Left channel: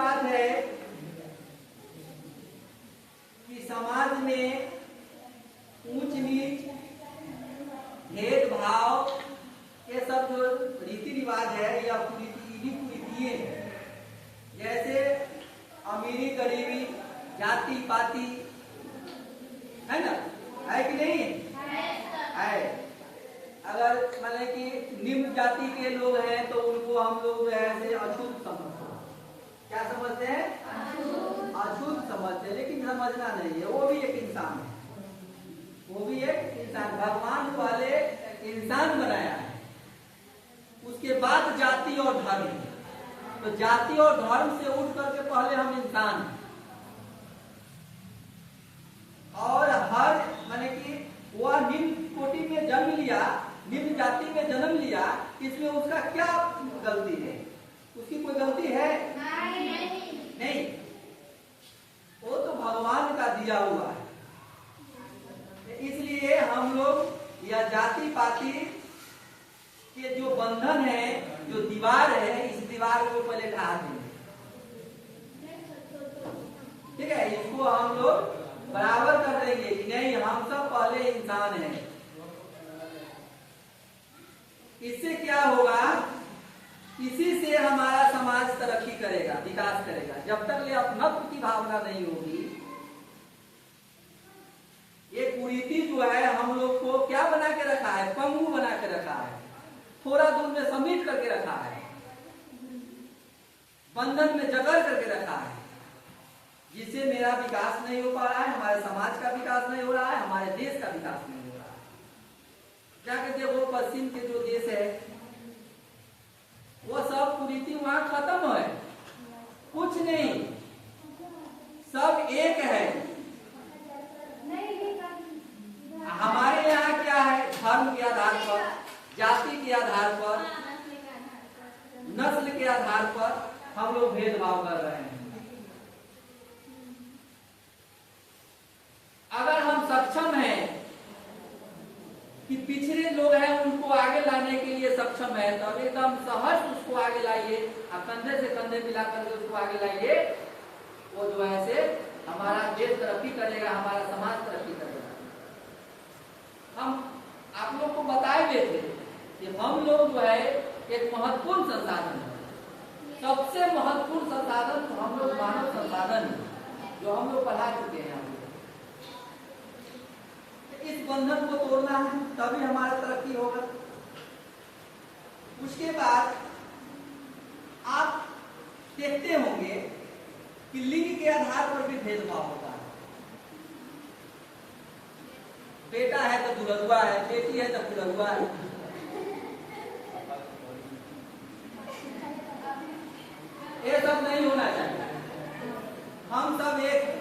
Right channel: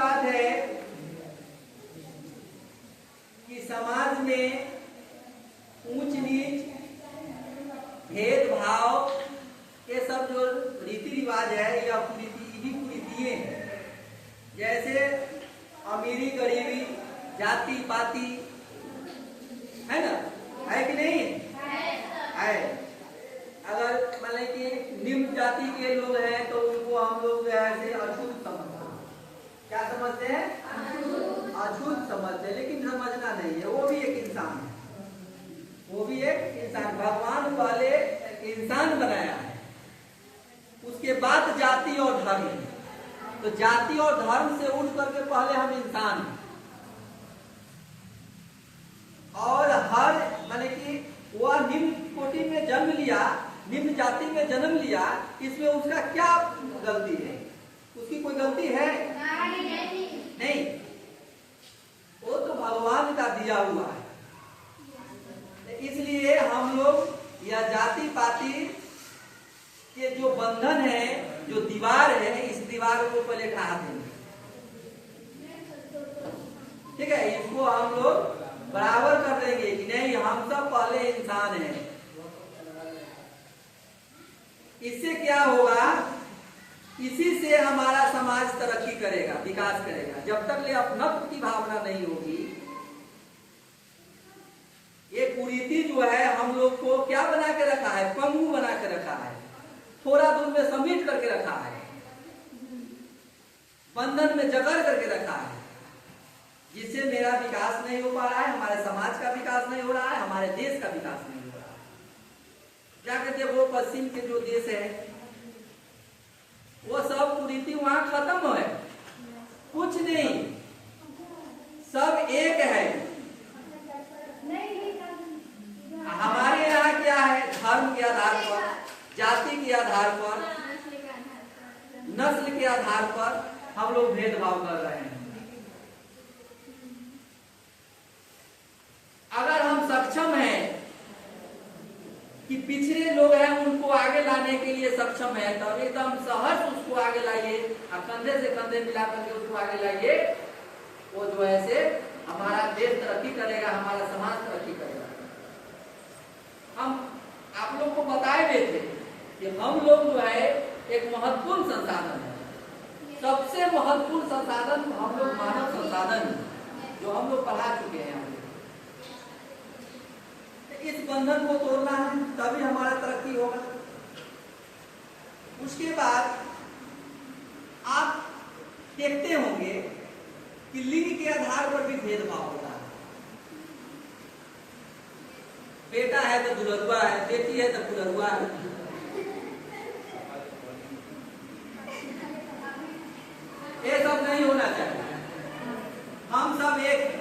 बात है कि समाज में ऊंच नीच, भेदभाव, ये सब जो रीति रिवाज है या कुरीतियां हैं, जैसे अमीरी गरीबी, जाति पाति, है ना, है कि नहीं है। अगर मान लें कि निम्न जाति के लोग हैं तो उनको हम लोग जो है अछूत समझते हैं। क्या समझते हैं? अछूत समझते हैं, लेकिन समझना नहीं है, वो भी एक इंसान है, वो भी एक इंसान, भगवान वाले इंसान बनाया है। उसके बाद जाति और धर्म, तो जाति और धर्म से उठ करके पहले हम इंसान हैं। और हर माने कि वह निम्न कोटि में जन्म लिया, निम्न जाति में जन्म लिया, इसमें उसका क्या गलती है? उसकी कोई गलती है? नहीं, वो तो भगवान का दिया हुआ है। इसलिए हम लोग यह जाति पाति के जो बंधन है, जो दीवार है, इस दीवार को पहले ढा देंगे। ठीक है, इसको हम लोग बराबर कर देंगे कि नहीं, हम सब पहले इंसान हैं। इससे क्या होगा? इसी से हमारा समाज तरक्की करेगा, विकास करेगा। जब तक ले अपनत्व की भावना नहीं होगी, ये कुरीति जो है हम लोग को क्या बना के रखा है? पंगु बना के रखा है, थोड़ा दूर में समेट करके रखा है, बंधन में जकड़ करके रखा है, जिससे मेरा विकास नहीं हो पा रहा है, हमारे समाज का विकास नहीं हो रहा है, हमारे देश का विकास नहीं हो रहा है। जाकर के वो पश्चिम के जो देश है, वो सब कुरीति वहां खत्म है, कुछ नहीं, सब एक है। हमारे यहाँ क्या है? धर्म के आधार पर, जाति के आधार पर, नस्ल के आधार पर हम लोग भेदभाव कर रहे हैं। अगर हम सक्षम हैं कि पिछड़े लोग हैं उनको आगे लाने के लिए सक्षम है, तो एकदम सहज उसको आगे लाइए, कंधे से कंधे मिला करके उसको आगे लाइए। वो जो है से हमारा देश तरक्की करेगा, हमारा समाज तरक्की करेगा। हम आप लोग को बताए देते कि हम लोग जो है एक महत्वपूर्ण संसाधन है, सबसे महत्वपूर्ण संसाधन हम लोग मानव संसाधन, जो हम लोग पढ़ा चुके हैं। इस बंधन को तोड़ना है, तभी हमारा तरक्की होगा। उसके बाद आप देखते होंगे कि लिंग के आधार पर भी भेदभाव होता है। बेटा है तो दुल्हरुआ है, बेटी है तो दुल्हरुआ है। ये सब नहीं होना चाहिए। हम सब एक हैं,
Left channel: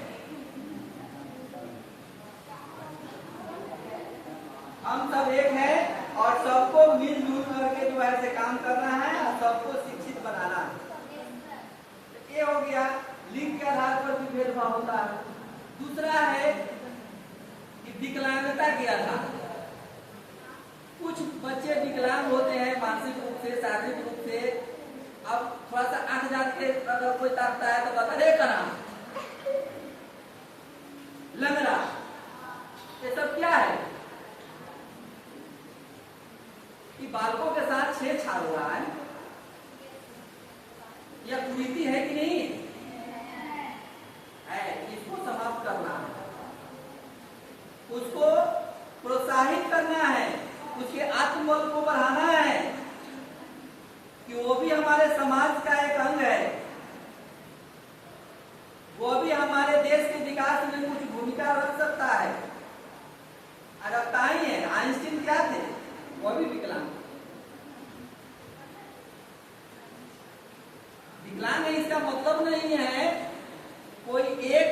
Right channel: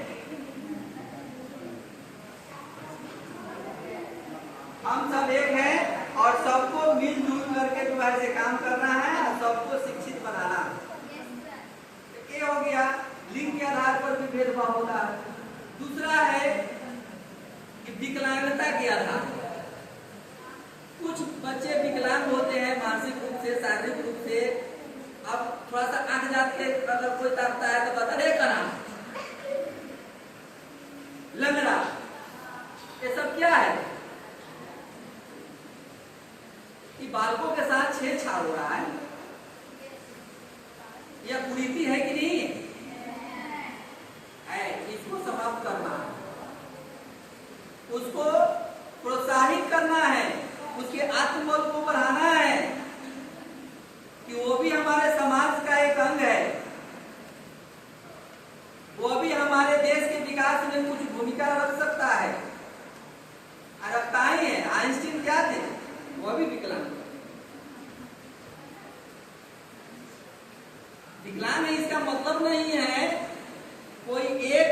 हम सब एक हैं और सबको मिलजुल करके जो है से काम करना है और सबको शिक्षित बनाना है। ये हो गया, लिंग के आधार पर भी भेदभाव होता है। दूसरा है कि विकलांगता के आधार पर। कुछ बच्चे विकलांग होते हैं मानसिक रूप से, शारीरिक रूप से। अब थोड़ा सा आंख जाते अगर कोई ताकता है तो बता रहे का नाम लंगड़ा, ये सब क्या है? कि बालकों के साथ छेड़छाड़ हो रहा है, यह कुरीति है कि नहीं है? इसको समाप्त करना है, उसको प्रोत्साहित करना है, उसके आत्मबल को बढ़ाना है कि वो भी हमारे समाज का एक अंग है, वो भी हमारे देश के विकास में कुछ भूमिका रख सकता है। रखता ही है। आइंस्टीन क्या थे? वो भी विकलांग। विकलांग इसका मतलब नहीं है कोई एक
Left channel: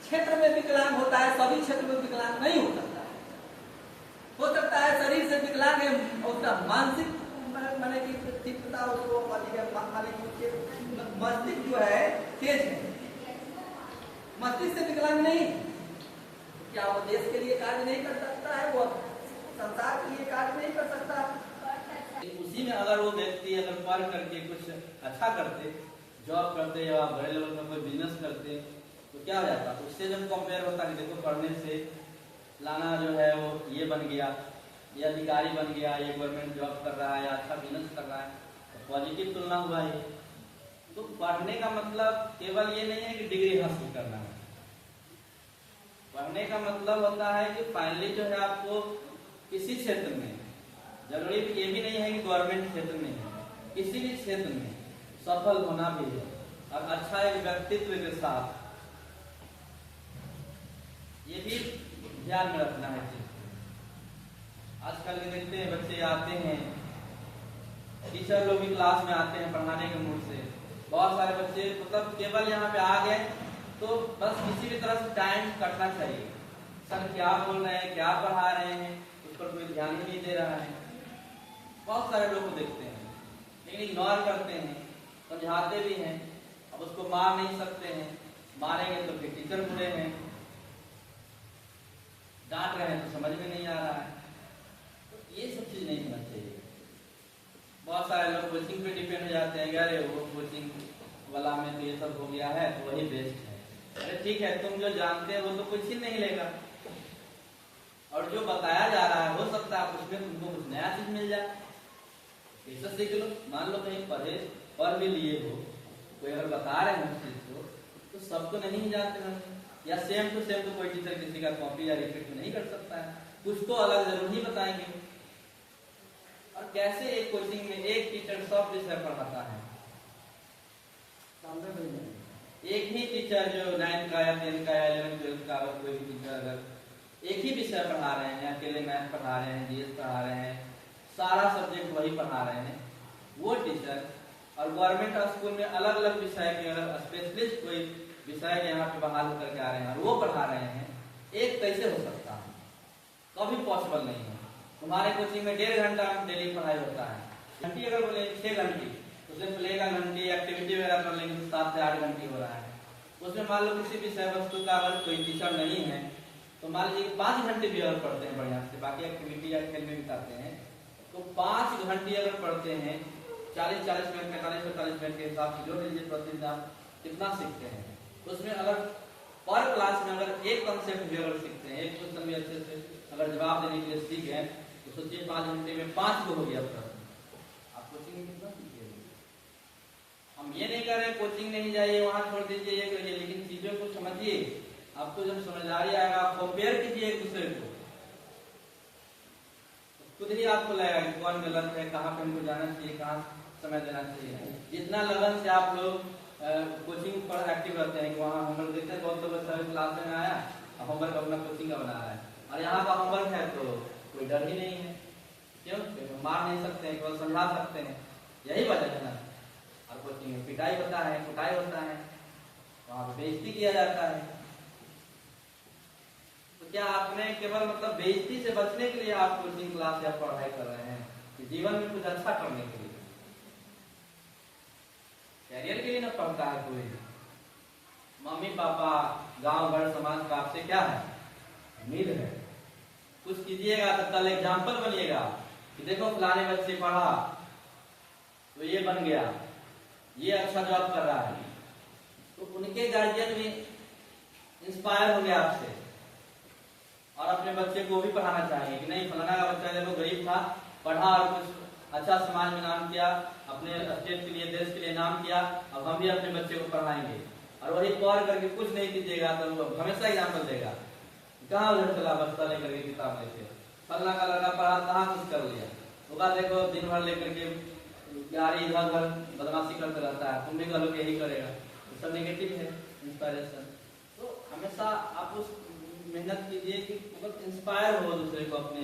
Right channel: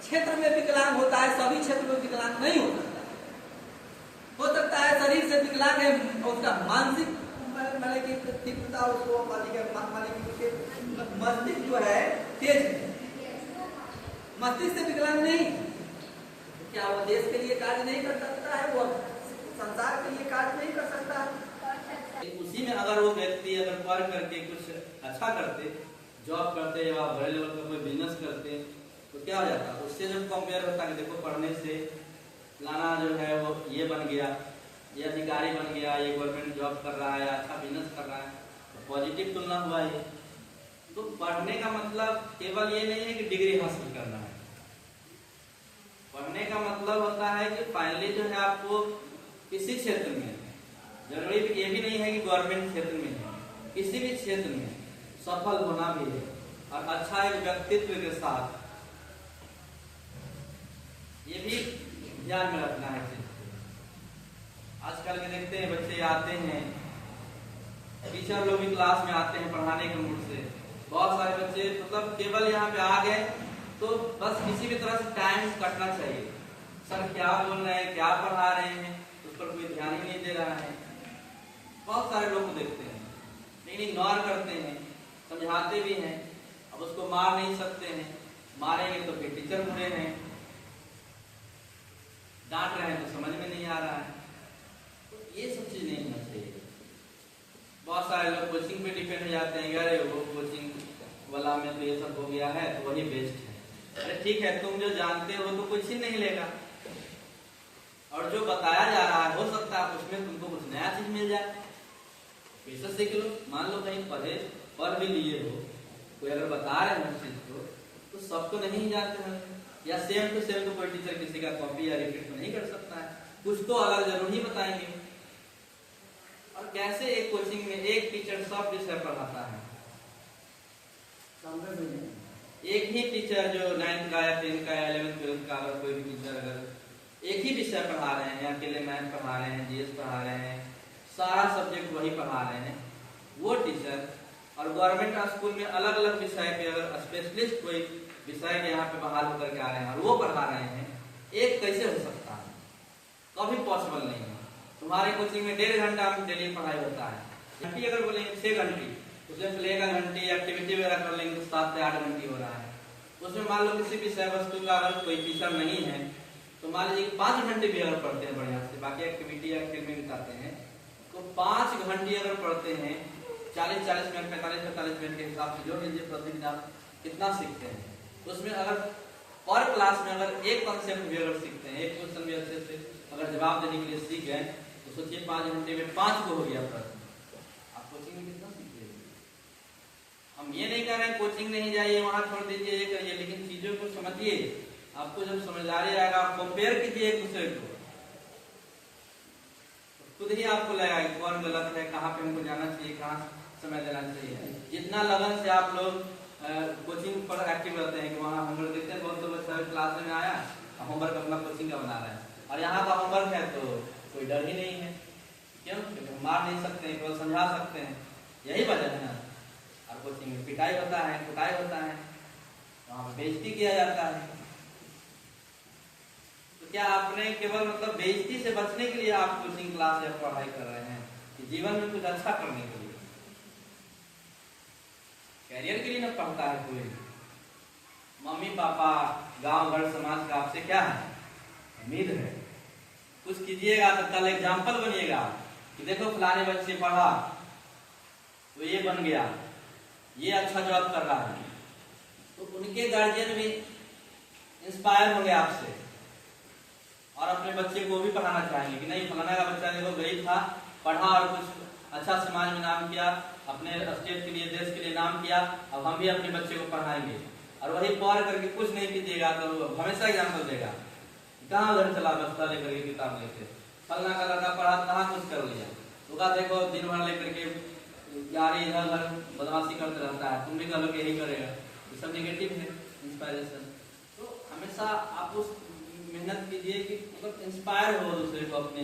क्षेत्र में विकलांग होता है, सभी क्षेत्र में विकलांग नहीं हो सकता है। हो सकता है शरीर से विकलांग है, उसका मानसिक मतलब की तीव्रता उसको मस्तिष्क जो है तेज है, मस्तिष्क से विकलांग नहीं। क्या वो देश के लिए कार्य नहीं कर सकता है? वो संसार के लिए कार्य नहीं कर सकता? उसी में अगर वो व्यक्ति अगर पढ़ करके कुछ अच्छा करते, जॉब करते या बड़े लेवल पर कोई बिजनेस करते तो क्या हो जाता, तो उससे जब कंपेयर होता कि देखो पढ़ने से फलाना जो है वो ये बन गया, ये अधिकारी बन गया, ये गवर्नमेंट जॉब कर रहा है, अच्छा बिजनेस कर रहा है, तो पॉजिटिव तुलना हुआ ये। तो पढ़ने का मतलब केवल ये नहीं है कि डिग्री हासिल करना है। पढ़ने का मतलब होता है कि फाइनली जो है आपको किसी क्षेत्र में, जरूरी ये भी नहीं है कि गवर्नमेंट क्षेत्र में है, किसी भी क्षेत्र में सफल होना भी है और अच्छा एक व्यक्तित्व के साथ, ये भी ध्यान में रखना है। आजकल के देखते हैं बच्चे आते हैं, टीचर लोग भी क्लास में आते हैं पढ़ाने के मूड से, बहुत सारे बच्चे मतलब केवल यहाँ पे आ गए तो बस किसी भी तरह से टाइम कटना चाहिए, सर क्या बोल रहे हैं, क्या पढ़ा रहे हैं, उस पर कोई ध्यान ही नहीं दे रहा है। बहुत सारे लोग देखते हैं लेकिन इग्नोर करते हैं, समझाते भी हैं, अब उसको मार नहीं सकते हैं, मारेंगे तो फिर टीचर बुरे हैं, डांट रहे हैं तो समझ में नहीं आ रहा है। तो ये सब चीज नहीं होना चाहिए। बहुत सारे लोग कोचिंग पे डिपेंड हो जाते हैं, अरे वो कोचिंग वाला में तो ये सब हो गया है तो वही बेस्ट है। अरे ठीक है, तुम जो जानते हो वो तो कुछ ही नहीं लेगा, और जो बताया जा रहा है हो सकता है उसमें तुमको कुछ नया चीज मिल जाए, कैसे सीख लो। मान लो कहीं पढ़ भी लिए हो, कोई अगर बता रहे हैं उस चीज को तो सबको नहीं जानते हैं, या सेम टू सेम तो कोई टीचर किसी का कॉपी या रिपीट नहीं कर सकता है, कुछ तो अलग जरूर ही बताएंगे। और कैसे एक कोचिंग में एक टीचर सब विषय पढ़ाता है, एक ही टीचर जो 9th का या 10th का या 11th 12th का, अगर कोई भी टीचर अगर एक ही विषय पढ़ा रहे हैं, अकेले मैथ पढ़ा रहे हैं, जीएस पढ़ा रहे हैं, सारा सब्जेक्ट वही पढ़ा रहे हैं, वो टीचर और गवर्नमेंट स्कूल में अलग अलग विषय के अगर स्पेशलिस्ट कोई विषय यहाँ पे बहाल होकर के आ रहे हैं और वो पढ़ा रहे हैं, एक कैसे हो सकता है? कभी पॉसिबल नहीं है। तुम्हारे कोचिंग में 1.5 घंटा डेली पढ़ाई होता है, घंटी अगर बोलेंगे 6 घंटी, उसमें प्ले का घंटी एक्टिविटी वगैरह कर लेंगे तो 7 से 8 घंटी हो रहा है। उसमें मान लो किसी विषय वस्तु का अगर कोई टीचर नहीं है तो मान लीजिए 5 घंटे भी अगर पढ़ते हैं बढ़िया से, बाकी एक्टिविटी या खेल में बिताते हैं, तो 5 घंटे अगर पढ़ते हैं 40-40 मिनट 45-45 मिनट के हिसाब से जोड़ लीजिए, प्रतिदिन आप कितना सीखते हैं। तो उसमें अगर पर क्लास में अगर एक कंसेप्ट भी अगर सीखते हैं, एक क्वेश्चन भी अच्छे से अगर जवाब देने के लिए सीख गए तो सोचिए 5 घंटे में 5 को हो गया प्रश्न, आप कोचिंग में कितना सीखिएगा। हम ये नहीं कह रहे कोचिंग नहीं जाइए, वहां छोड़ दीजिए, ये करिए, लेकिन चीजों को समझिए। आपको जब समझदारी आएगा, आप कंपेयर कीजिए एक दूसरे को, तो खुद ही आपको लगेगा कि कौन गलत है, कहाँ पे हमको जाना चाहिए, कहाँ समय देना चाहिए। जितना लगन से आप लोग कोचिंग पर एक्टिव रहते हैं कि वहाँ होमवर्क देते हैं, बहुत तो बच्चा क्लास में आया होमवर्क अपना कोचिंग का बना रहा है, और यहाँ पर होमवर्क है तो कोई डर ही नहीं है, क्यों? मार नहीं सकते हैं, केवल समझा सकते हैं, यही वजह है ना। और कोचिंग में पिटाई होता है, कुटाई होता है, वहाँ पर बेइज्जती किया जाता है। तो क्या आपने केवल मतलब बेइज्जती से बचने के लिए आप कोचिंग क्लास या पढ़ाई कर रहे हैं कि जीवन में कुछ अच्छा करने के लिए, कैरियर के लिए ना पढ़ता है कोई? मम्मी पापा गांव घर समाज का आपसे क्या है, उम्मीद है कुछ कीजिएगा तो कल एग्जाम्पल बनिएगा कि देखो फलाने बच्चे पढ़ा तो ये बन गया, ये अच्छा जॉब कर रहा है, तो उनके गार्जियन भी इंस्पायर होंगे आपसे और अपने बच्चे को भी पढ़ाना चाहेंगे कि नहीं फलाना का बच्चा देखो गरीब था, पढ़ा और कुछ अच्छा समाज में नाम किया, अपने स्टेट के लिए देश के लिए नाम किया, अब हम भी अपने बच्चे को पढ़ाएंगे। और वही पढ़ करके कुछ नहीं कीजिएगा तो हमेशा एग्जाम्पल देगा, कहाँ उधर चला बस्ता लेकर के किताब लेके, फलना का लड़का पढ़ा कहाँ कुछ कर लिया, होगा देखो दिन भर लेकर के गाड़ी इधर उधर बदमाशी करते रहता है, तुम भी कह लो यही करेगा, तो सब नेगेटिव है इंस्पायरेशन। तो हमेशा आप उस मेहनत कीजिए कि मतलब इंस्पायर हो दूसरे को, अपने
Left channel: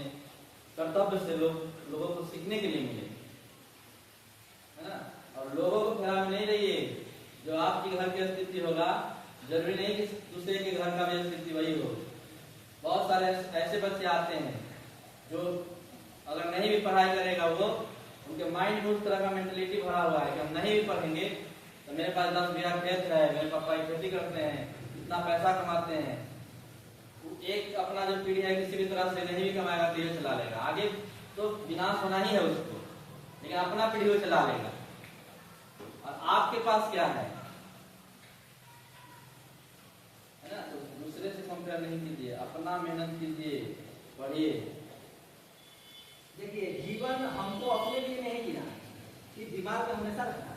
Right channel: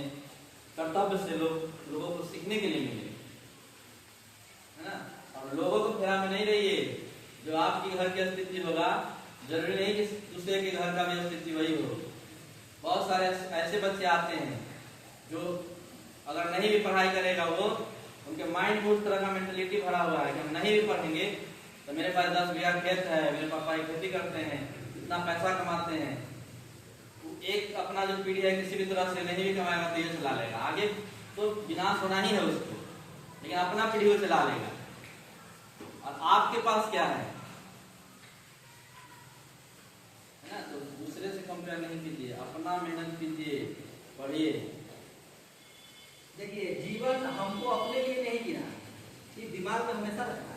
कर्तव्य से लोगों को सीखने के लिए मिले, है ना। और लोगों को फेरा में नहीं रहिए, जो आपकी घर की स्थिति होगा जरूरी नहीं कि दूसरे के घर का भी स्थिति वही हो। बहुत सारे ऐसे बच्चे आते हैं जो अगर नहीं भी पढ़ाई करेगा, वो उनके माइंड में उस तरह का मेंटलिटी भरा हुआ है कि हम नहीं भी पढ़ेंगे तो मेरे पास 10 बीघा खेत है, मेरे पापा खेती करते हैं, इतना पैसा कमाते हैं। एक अपना जो पीढ़ी है किसी भी तरह से नहीं भी कमाएगा तो ये चला लेगा, आगे तो विनाश होना ही है उसको, लेकिन अपना पीढ़ी वो चला लेगा। और आपके पास क्या है ना? तो दूसरे से कंपेयर नहीं कीजिए, अपना मेहनत कीजिए, पढ़िए। देखिए जीवन हमको अपने लिए नहीं जीना, ये दिमाग में हमेशा रखना।